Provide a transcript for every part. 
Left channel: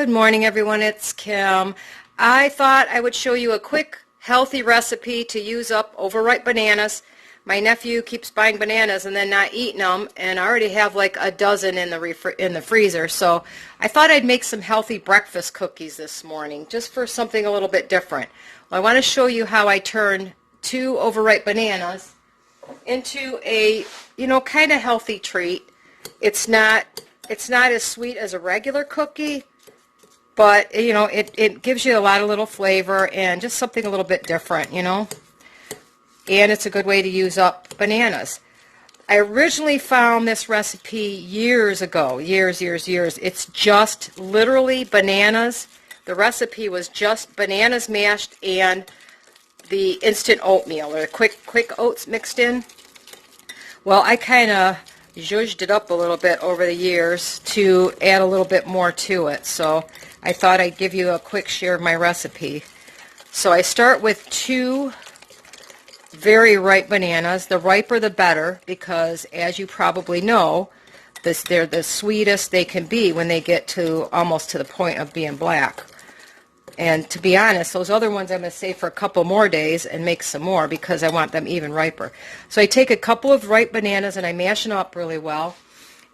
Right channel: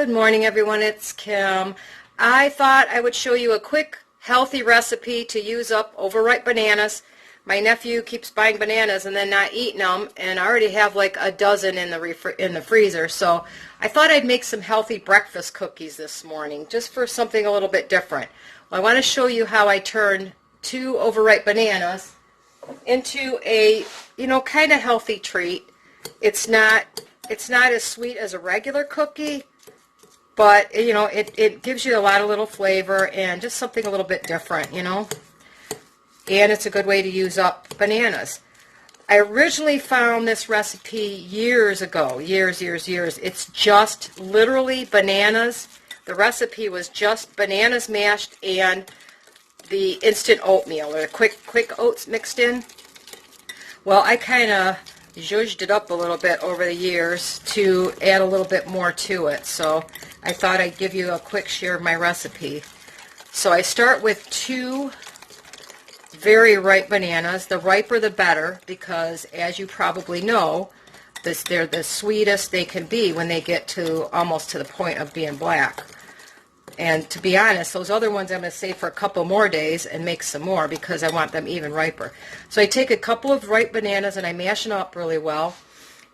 Good morning, everyone. It's Kim. I thought I would show you a quick, healthy recipe to use up overripe bananas. My nephew keeps buying bananas and then not eating them, and I already have like a dozen in the freezer. So I thought I'd make some healthy breakfast cookies this morning, just for something a little bit different. I want to show you how I turn 2 overripe bananas into a, kind of healthy treat. It's not as sweet as a regular cookie, but it gives you a lot of little flavor and just something a little bit different, and it's a good way to use up bananas. I originally found this recipe years ago, years. It's just literally bananas. The recipe was just bananas mashed and the instant oatmeal, or quick oats mixed in. Well, I kind of zhuzhed it up a little bit over the years to add a little bit more to it. So I thought I'd give you a quick share of my recipe. So I start with 2 very ripe bananas. The riper the better, because as you probably know, they're the sweetest they can be when they get to almost to the point of being black. And to be honest, those other ones I'm going to save for a couple more days and make some more because I want them even riper. So I take a couple of ripe bananas and I mash them up really well.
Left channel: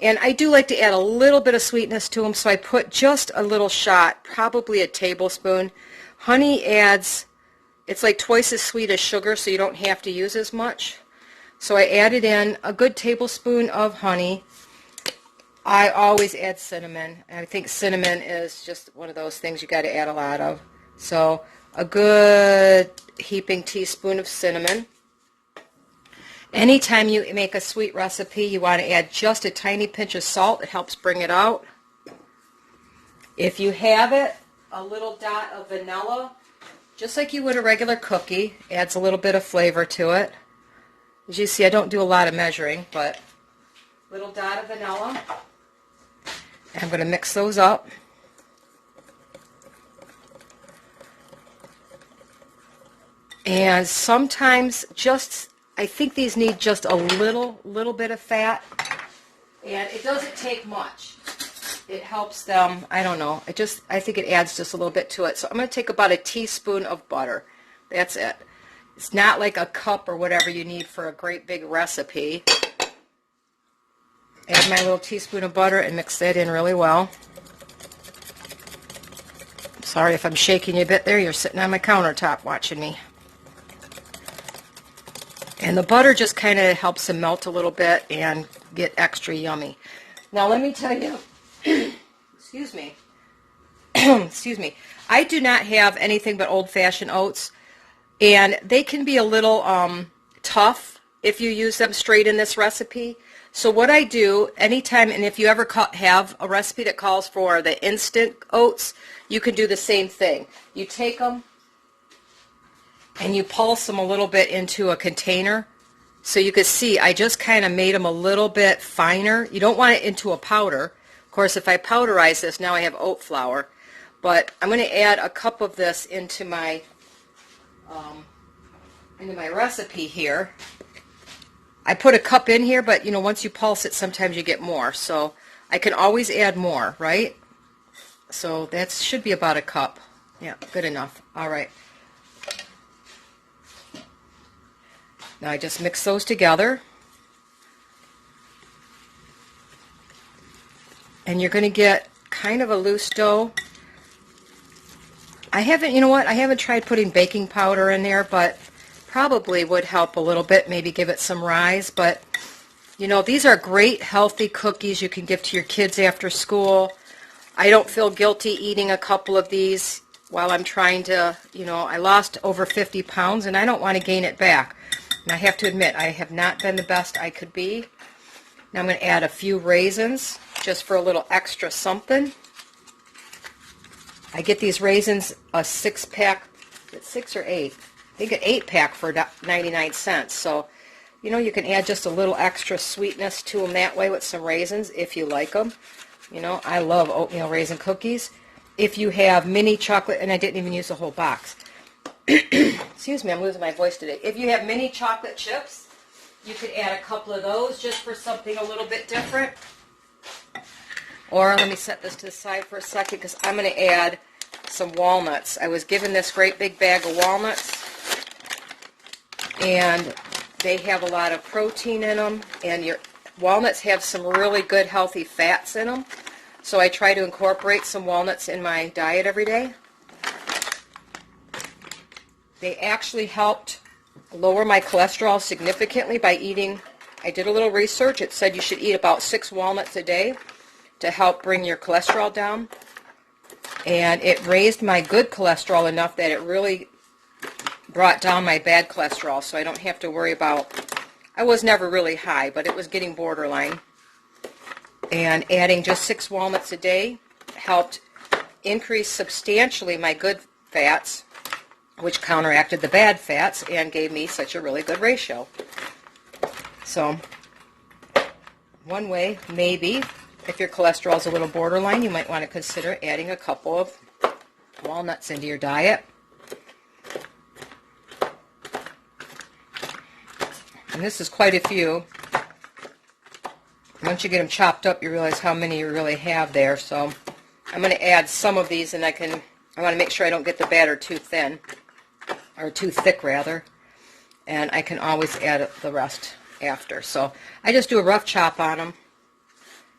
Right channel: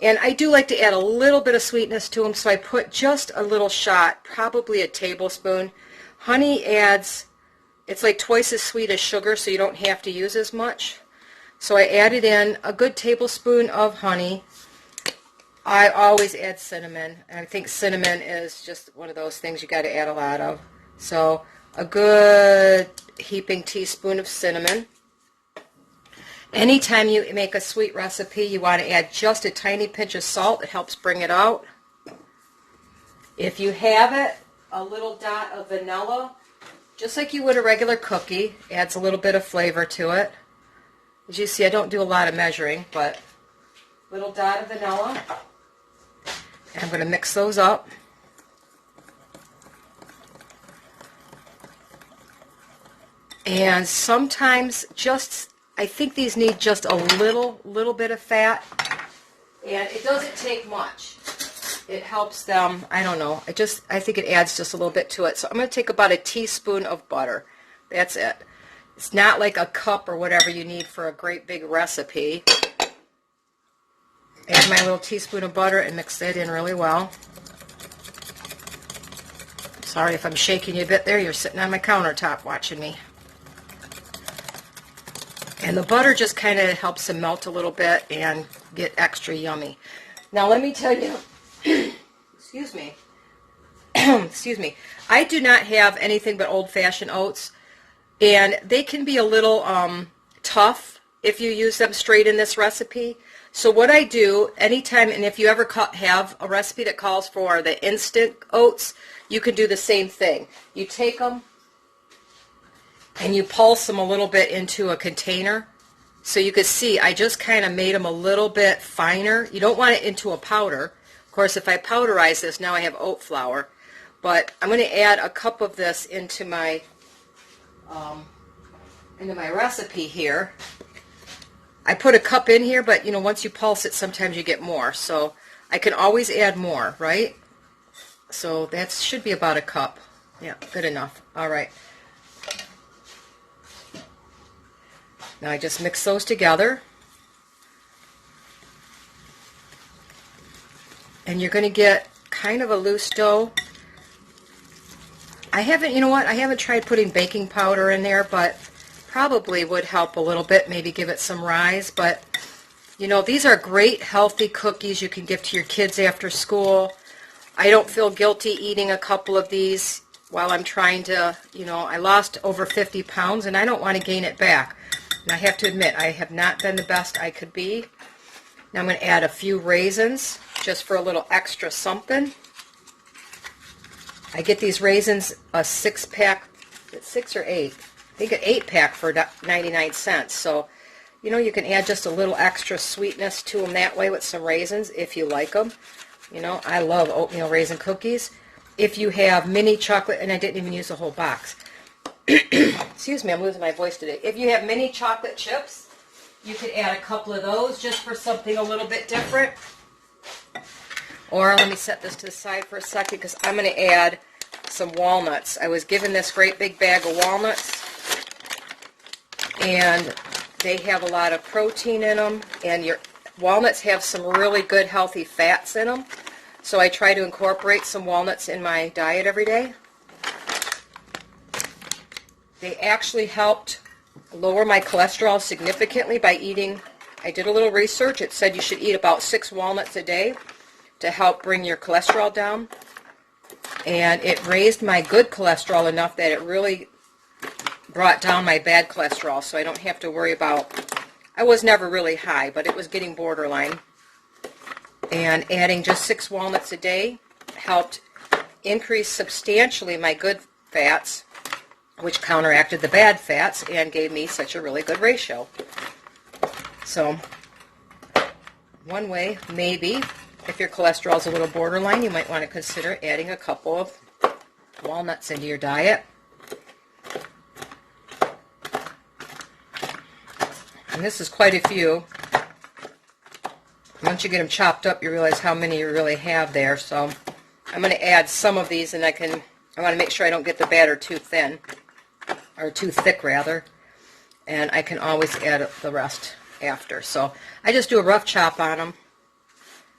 And I do like to add a little bit of sweetness to them, so I put just a little shot, probably a tablespoon. Honey adds, it's like twice as sweet as sugar, so you don't have to use as much. So I added in a good tablespoon of honey. I always add cinnamon. I think cinnamon is just one of those things you got to add a lot of. So a good heaping teaspoon of cinnamon. Anytime you make a sweet recipe, you want to add just a tiny pinch of salt. It helps bring it out. If you have it, a little dot of vanilla, just like you would a regular cookie, adds a little bit of flavor to it. As you see, I don't do a lot of measuring, but a little dot of vanilla. I'm going to mix those up. And sometimes I think these need just a little bit of fat. And it doesn't take much. It helps them, I don't know. I think it adds just a little bit to it. So I'm going to take about a teaspoon of butter. That's it. It's not like a cup or whatever you need for a great big recipe. Add my little teaspoon of butter and mix that in really well. Sorry if I'm shaking you a bit there. You're sitting on my countertop watching me. And the butter just kind of helps them melt a little bit and get extra yummy. Now let me tell you, excuse me, I do not have anything but old-fashioned oats, and they can be a little tough if you use them straight in this recipe. So what I do anytime, and if you ever have a recipe that calls for the instant oats, you can do the same thing. You take them and you pulse them a little bit into a container. So you can see I just kind of made them a little bit finer. You don't want it into a powder. Of course, if I powderize this, now I have oat flour. But I'm going to add a cup of this into my recipe here. I put a cup in here, but once you pulse it, sometimes you get more. So I can always add more, right? So that should be about a cup. Yeah, good enough. All right. Now I just mix those together. And you're going to get kind of a loose dough. I haven't tried putting baking powder in there, but probably would help a little bit, maybe give it some rise. But these are great healthy cookies you can give to your kids after school. I don't feel guilty eating a couple of these while I'm trying to, I lost over 50 pounds and I don't want to gain it back. And I have to admit, I have not been the best I could be. Now I'm going to add a few raisins just for a little extra something. I get these raisins a 6-pack, 6 or 8. I think an 8-pack for 99 cents. So, you can add just a little extra sweetness to them that way with some raisins if you like them. I love oatmeal raisin cookies. If you have mini chocolate, and I didn't even use the whole box. Excuse me, I'm losing my voice today. If you have mini chocolate chips, you could add a couple of those just for something a little bit different. Or let me set this to the side for a second because I'm going to add some walnuts. I was given this great big bag of walnuts, and they have a lot of protein in them, and your walnuts have some really good healthy fats in them. So I try to incorporate some walnuts in my diet every day. They actually helped lower my cholesterol significantly by eating, I did a little research, it said you should eat about 6 walnuts a day to help bring your cholesterol down. And it raised my good cholesterol enough that it really brought down my bad cholesterol, so I don't have to worry about, I was never really high, but it was getting borderline. And adding just 6 walnuts a day helped increase substantially my good fats, which counteracted the bad fats and gave me such a really good ratio. So, one way, maybe, if your cholesterol is a little borderline, you might want to consider adding a couple of walnuts into your diet. And this is quite a few. Once you get them chopped up, you realize how many you really have there. So I'm going to add some of these, and I want to make sure I don't get the batter too thin, or too thick rather. And I can always add the rest after. So I just do a rough chop on them.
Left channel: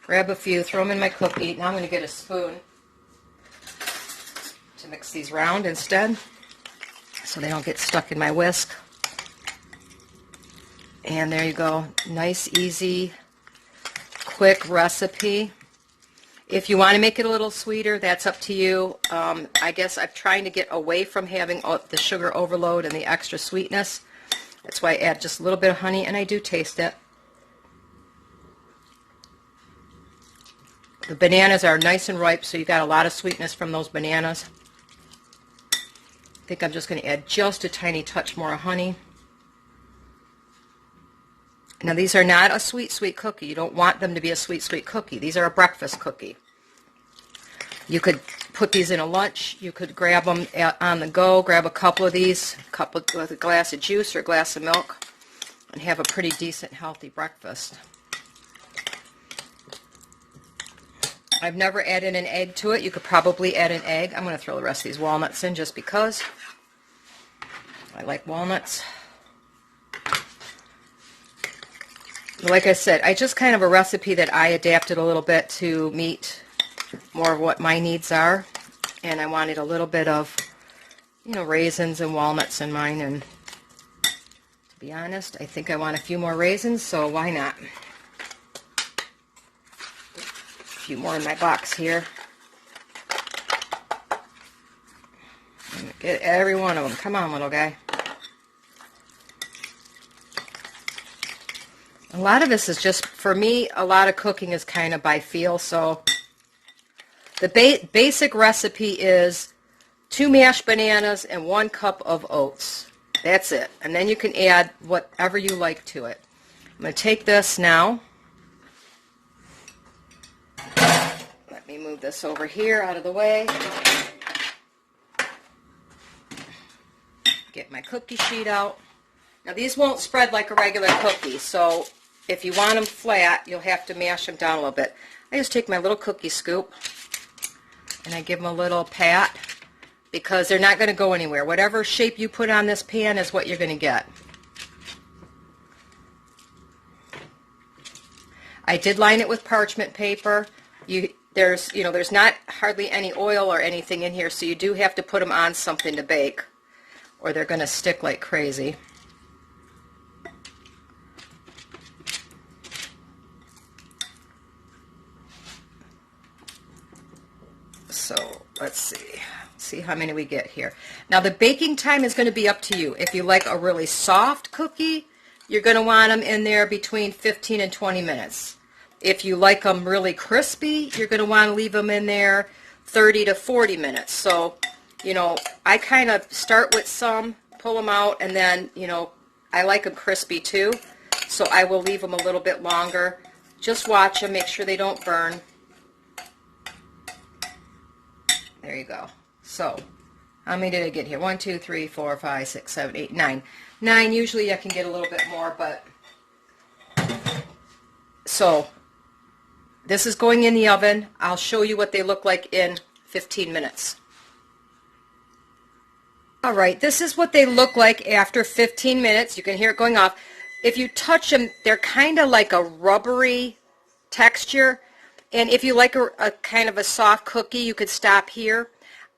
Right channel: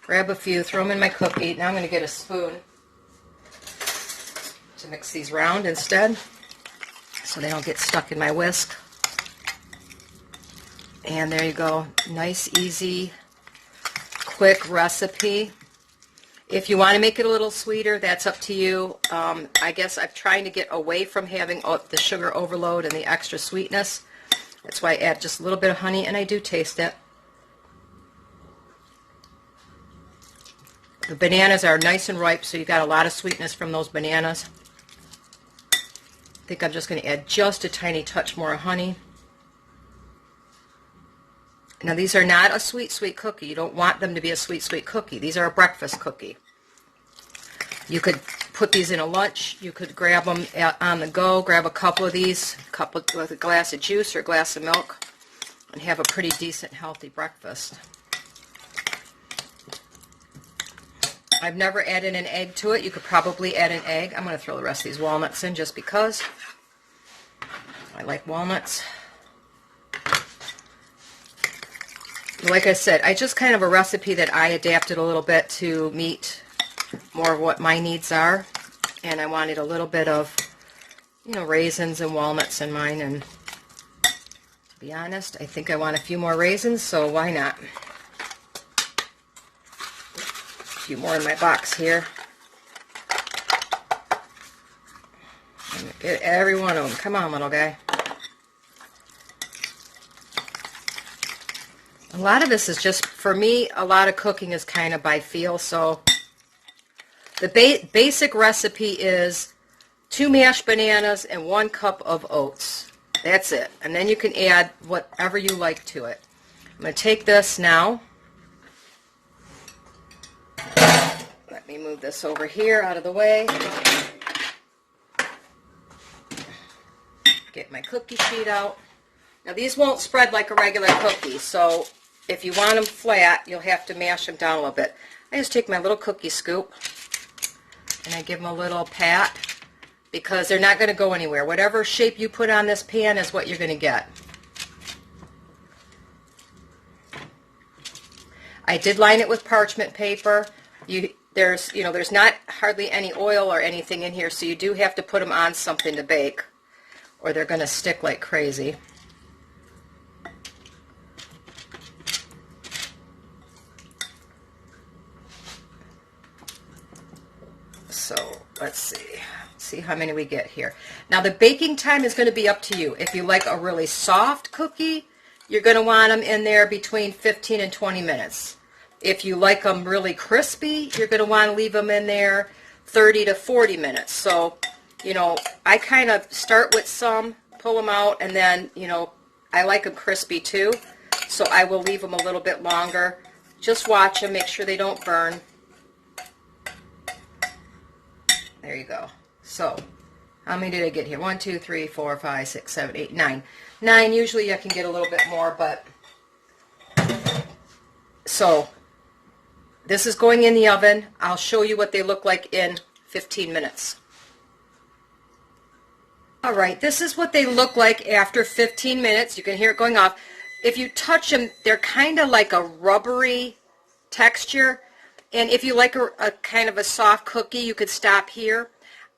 Grab a few, throw them in my cookie. Now I'm going to get a spoon to mix these round instead, so they don't get stuck in my whisk. And there you go. Nice, easy, quick recipe. If you want to make it a little sweeter, that's up to you. I guess I'm trying to get away from having the sugar overload and the extra sweetness. That's why I add just a little bit of honey, and I do taste it. The bananas are nice and ripe, so you got a lot of sweetness from those bananas. I think I'm just going to add just a tiny touch more honey. Now, these are not a sweet, sweet cookie. You don't want them to be a sweet, sweet cookie. These are a breakfast cookie. You could put these in a lunch. You could grab them on the go, grab a couple of these, with a glass of juice or a glass of milk, and have a pretty decent, healthy breakfast. I've never added an egg to it. You could probably add an egg. I'm going to throw the rest of these walnuts in just because I like walnuts. Like I said, I just kind of a recipe that I adapted a little bit to meet more of what my needs are. And I wanted a little bit of, raisins and walnuts in mine. And to be honest, I think I want a few more raisins, so why not? A few more in my box here. Get every one of them. Come on, little guy. A lot of this is just, for me, a lot of cooking is kind of by feel. So the basic recipe is 2 mashed bananas and 1 cup of oats. That's it. And then you can add whatever you like to it. I'm going to take this now. Let me move this over here out of the way. Get my cookie sheet out. Now, these won't spread like a regular cookie, so if you want them flat, you'll have to mash them down a little bit. I just take my little cookie scoop, and I give them a little pat, because they're not going to go anywhere. Whatever shape you put on this pan is what you're going to get. I did line it with parchment paper. There's not hardly any oil or anything in here, so you do have to put them on something to bake, or they're going to stick like crazy. So let's see how many we get here. Now the baking time is going to be up to you. If you like a really soft cookie, you're going to want them in there between 15 and 20 minutes. If you like them really crispy, you're going to want to leave them in there 30 to 40 minutes. So, I kind of start with some, pull them out, and then, I like them crispy too. So I will leave them a little bit longer. Just watch them, make sure they don't burn. There you go. So, how many did I get here? 1, 2, 3, 4, 5, 6, 7, 8, 9. 9, usually I can get a little bit more, but... So, This is going in the oven. I'll show you what they look like in 15 minutes. All right, this is what they look like after 15 minutes. You can hear it going off. If you touch them, they're kind of like a rubbery texture. And if you like a kind of a soft cookie, you could stop here.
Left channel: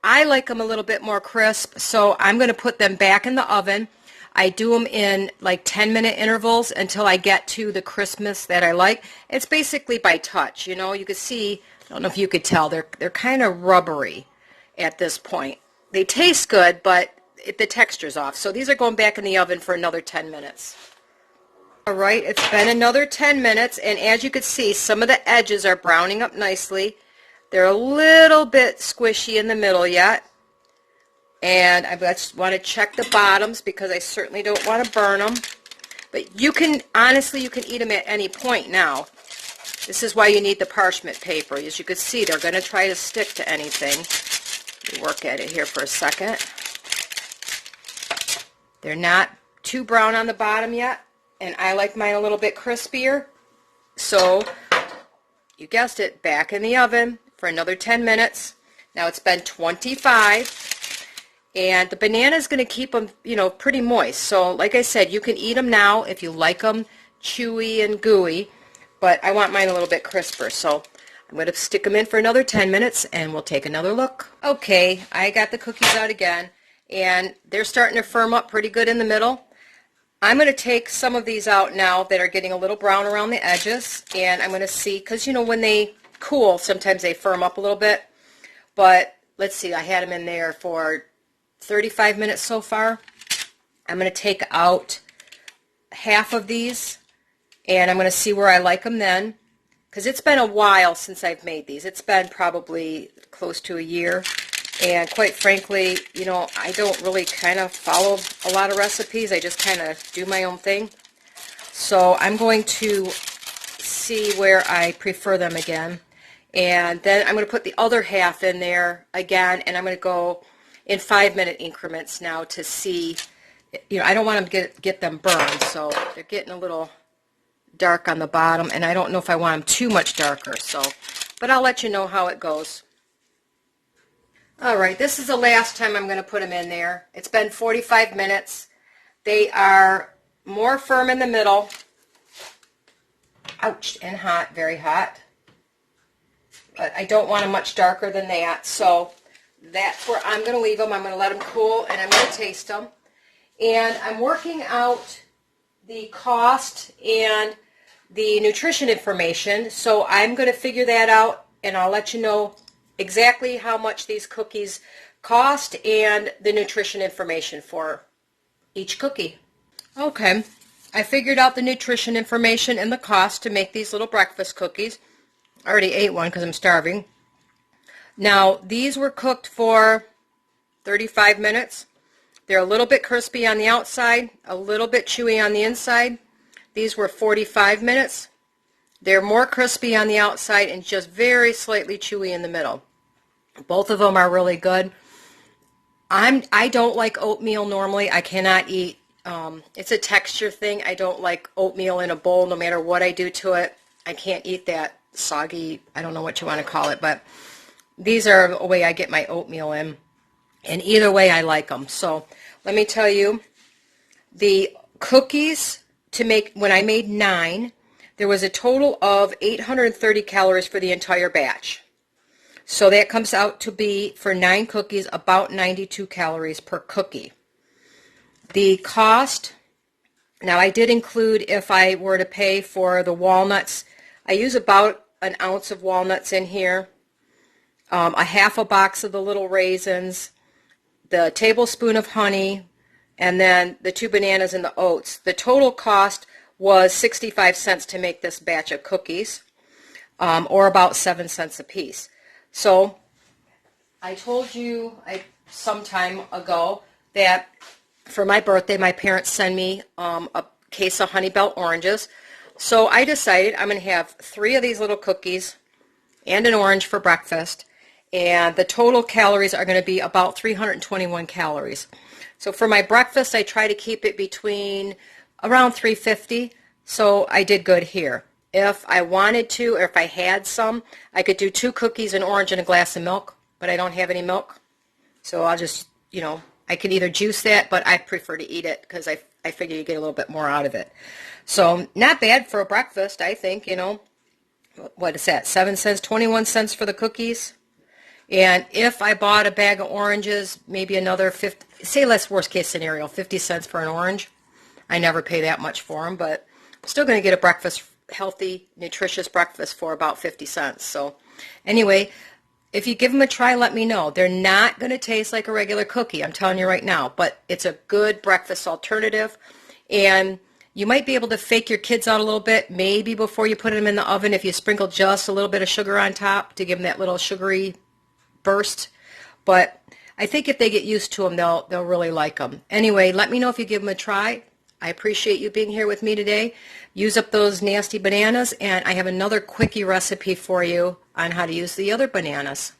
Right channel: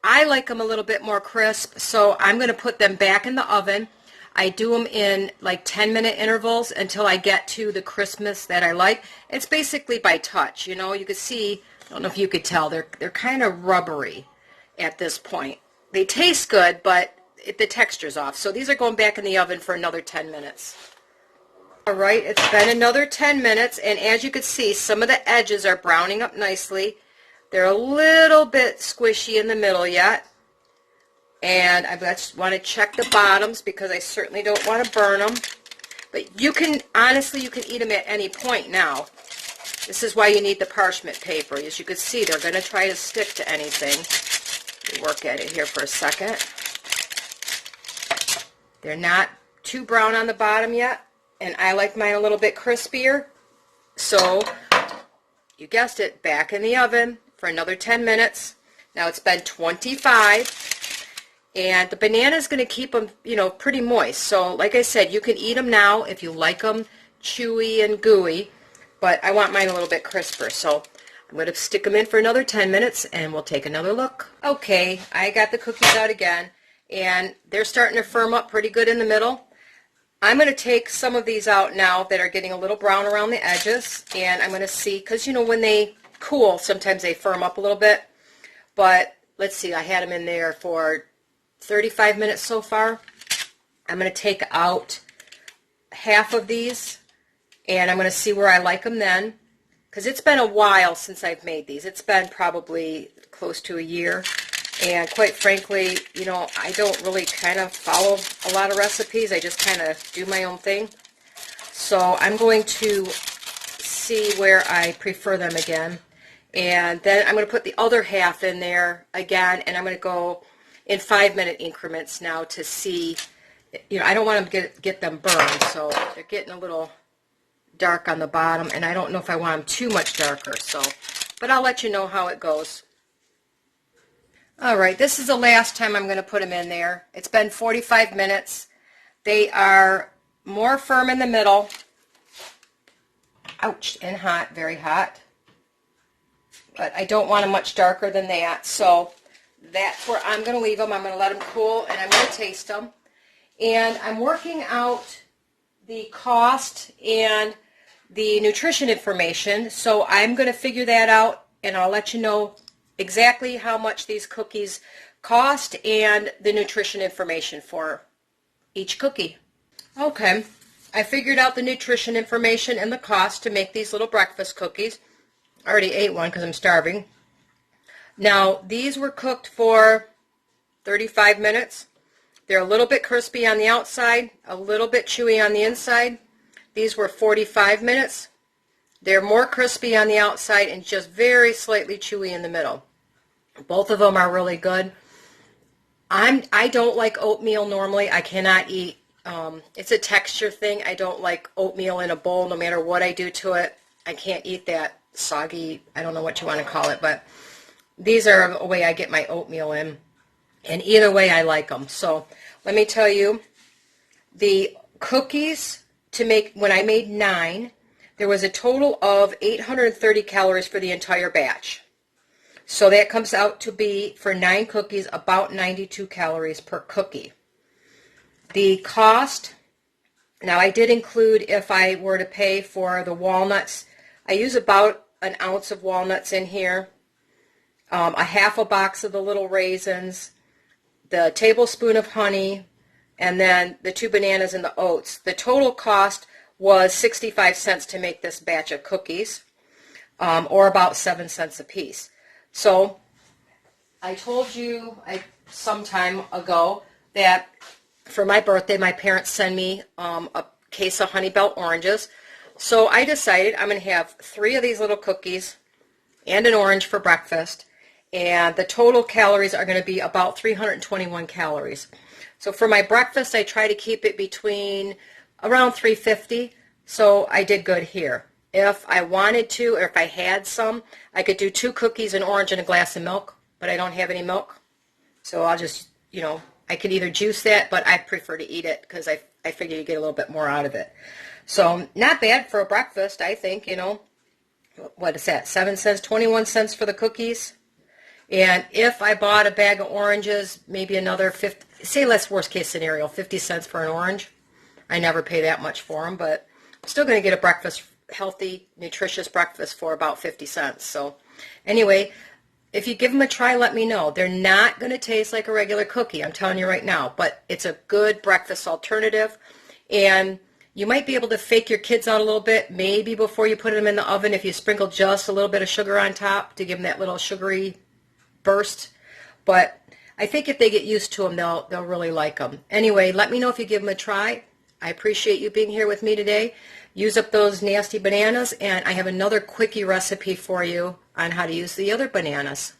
I like them a little bit more crisp, so I'm going to put them back in the oven. I do them in like 10-minute intervals until I get to the crispness that I like. It's basically by touch, you know. You can see, I don't know if you could tell, they're kind of rubbery at this point. They taste good, but the texture's off. So these are going back in the oven for another 10 minutes. All right, it's been another 10 minutes, and as you can see, some of the edges are browning up nicely. They're a little bit squishy in the middle yet. And I just want to check the bottoms because I certainly don't want to burn them. But you can, honestly, you can eat them at any point now. This is why you need the parchment paper. As you can see, they're going to try to stick to anything. Let me work at it here for a second. They're not too brown on the bottom yet, and I like mine a little bit crispier. So, you guessed it, back in the oven for another 10 minutes. Now it's been 25, and the banana is going to keep them, you know, pretty moist. So, like I said, you can eat them now if you like them chewy and gooey, but I want mine a little bit crisper. So, I'm going to stick them in for another 10 minutes, and we'll take another look. Okay, I got the cookies out again, and they're starting to firm up pretty good in the middle. I'm going to take some of these out now that are getting a little brown around the edges, and I'm going to see, because, you know, when they cool, sometimes they firm up a little bit. But let's see, I had them in there for 35 minutes so far. I'm going to take out half of these, and I'm going to see where I like them then, because it's been a while since I've made these. It's been probably close to a year. And quite frankly, you know, I don't really kind of follow a lot of recipes. I just kind of do my own thing. So I'm going to see where I prefer them again. And then I'm going to put the other half in there again. And I'm going to go in 5-minute increments now to see, you know, I don't want them to get them burned. So they're getting a little dark on the bottom. And I don't know if I want them too much darker. So, but I'll let you know how it goes. All right, this is the last time I'm going to put them in there. It's been 45 minutes. They are more firm in the middle. Ouch, and hot, very hot. But I don't want them much darker than that, so that's where I'm going to leave them. I'm going to let them cool, and I'm going to taste them. And I'm working out the cost and the nutrition information, so I'm going to figure that out, and I'll let you know exactly how much these cookies cost and the nutrition information for each cookie. Okay, I figured out the nutrition information and the cost to make these little breakfast cookies. I already ate one because I'm starving. Now, these were cooked for 35 minutes. They're a little bit crispy on the outside, a little bit chewy on the inside. These were 45 minutes. They're more crispy on the outside and just very slightly chewy in the middle. Both of them are really good. I don't like oatmeal normally. I cannot eat. It's a texture thing. I don't like oatmeal in a bowl no matter what I do to it. I can't eat that soggy, I don't know what you want to call it, but these are a way I get my oatmeal in. And either way, I like them. So let me tell you, the cookies to make, when I made 9, there was a total of 830 calories for the entire batch. So that comes out to be, for 9 cookies, about 92 calories per cookie. The cost, now I did include, if I were to pay for the walnuts, I use about an ounce of walnuts in here, a half a box of the little raisins, the tablespoon of honey, and then the 2 bananas and the oats. The total cost was 65 cents to make this batch of cookies, or about 7 cents a piece. So I told you some time ago that for my birthday, my parents send me a case of Honey Belt oranges. So I decided I'm going to have 3 of these little cookies and an orange for breakfast. And the total calories are going to be about 321 calories. So for my breakfast, I try to keep it between around 350. So I did good here. if I wanted to, or if I had some, I could do 2 cookies, an orange, and a glass of milk, but I don't have any milk. So I'll just, I could either juice that, but I prefer to eat it because I figure you get a little bit more out of it. So not bad for a breakfast, I think, What is that, 7 cents, 21 cents for the cookies? And if I bought a bag of oranges, maybe another 50, say less worst case scenario, 50 cents for an orange. I never pay that much for them, but I'm still going to get a breakfast, healthy, nutritious breakfast for about 50 cents. So anyway, if you give them a try, let me know. They're not going to taste like a regular cookie, I'm telling you right now, but it's a good breakfast alternative. And you might be able to fake your kids out a little bit, maybe before you put them in the oven, if you sprinkle just a little bit of sugar on top to give them that little sugary burst. But I think if they get used to them, they'll really like them. Anyway, let me know if you give them a try. I appreciate you being here with me today. Use up those nasty bananas, and I have another quickie recipe for you on how to use the other bananas.